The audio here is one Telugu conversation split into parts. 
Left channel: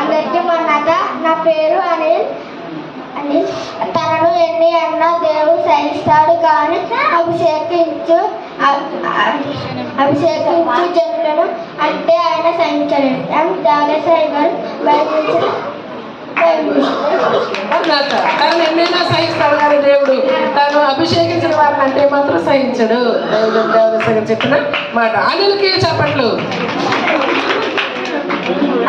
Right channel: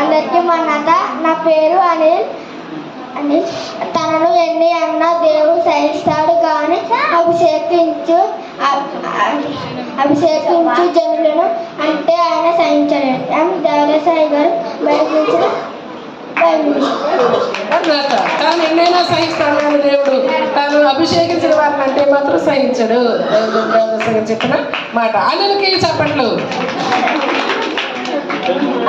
అందరికీ మన్నత. నా పేరు అనిల్. తనను ఎన్ని అన్నా దేవుడు సహిస్తాడు, కానీ అభిషేకించు జనులను అంటే ఆయన సహించలేడు. దాదాసాయి గారు బయలుదేరి ఎన్నైనా సహిస్తాడు కానీ దేవుడు తాను అభిషేకించిన వారిని అంటే మాత్రం సహించడు. చెప్పిన మాట అనిల్కి చెప్పట్లు.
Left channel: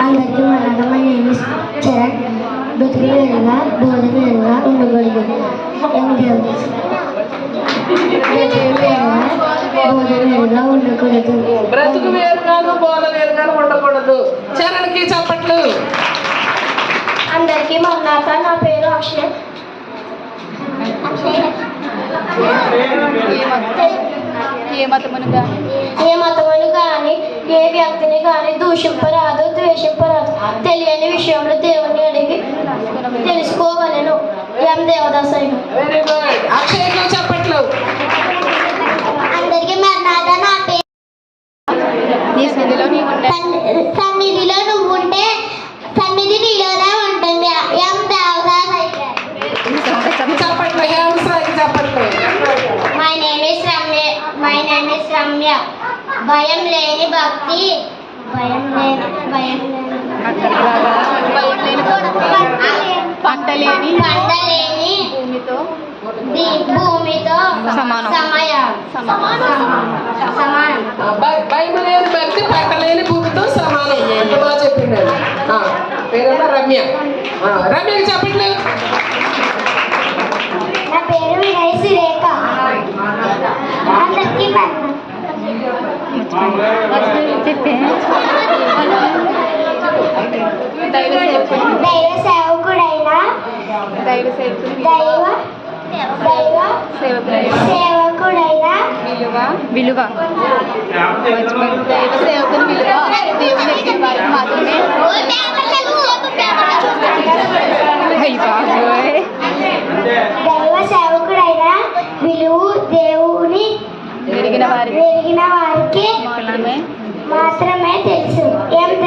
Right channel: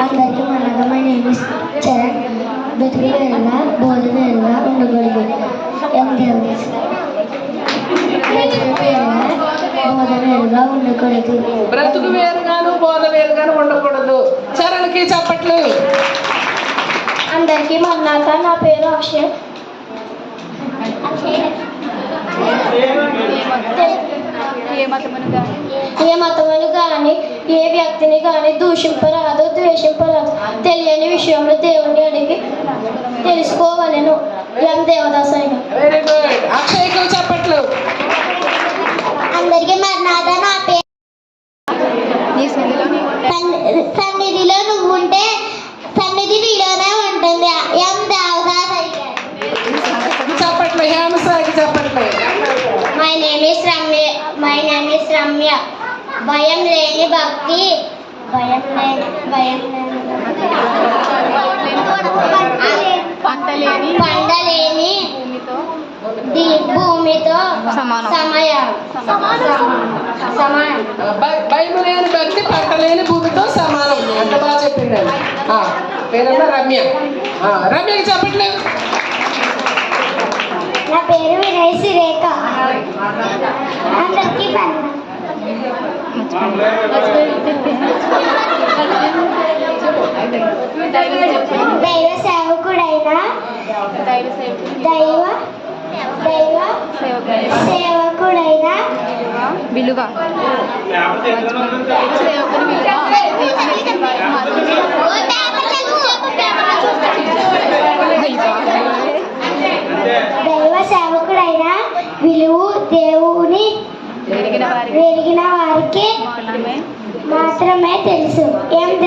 అందరికీ మన్నతమైన చరణ్ బ్రతుకు వేరుగా బోధ వేరుగా ఉండకూడదు. బోధ వేరుగా ఉండకూడదు. బ్రతుకు వేరుగాను బోధ వేరుగాను ఉండకూడదు. చరణ్కి చెప్పట్లు. అందరికీ మన్నాక. నా పేరు అక్షయ్. ఏ మతమును కానీ ఏ వ్యక్తిని కానీ దూషింపరాదు, ద్వేషింపరాదు. తెలియని విషయంలో దేవుణ్ణి అడిగి తెలుసుకోవాలను. దేవదాసాయి. Very good. అక్షయ్కి చెప్పట్లు. అందరికీ మన్నాక. నా పేరు సన్నిధిలో నువ్వు ఉంటే సన్నిధి నీలోనే ఉంటుంది. దేవదాసాయి. చెప్పట్లు. హేమసాయికి చెప్పట్లు. My name is Ramya. భయం లేని భక్తి. పంటలేని భూమితో సమానం. భయం లేని భక్తి పంటలేని భూమితో సమానం. ఎంత బాగా చెప్పింది. పేరమ్మా రమ్య. రమ్యకి చెప్పట్లే. నా పేరు వినయ్ సురేఖ. అందరికీ దైవ సేవకుడైన విలువ సేవకుని విలువ దేవుని వారికి మాత్రమే. దైవ సేవకుడైన విలువ దేవుని వెలిగిన వారికి మాత్రమే తెలుసు. ఓపెన్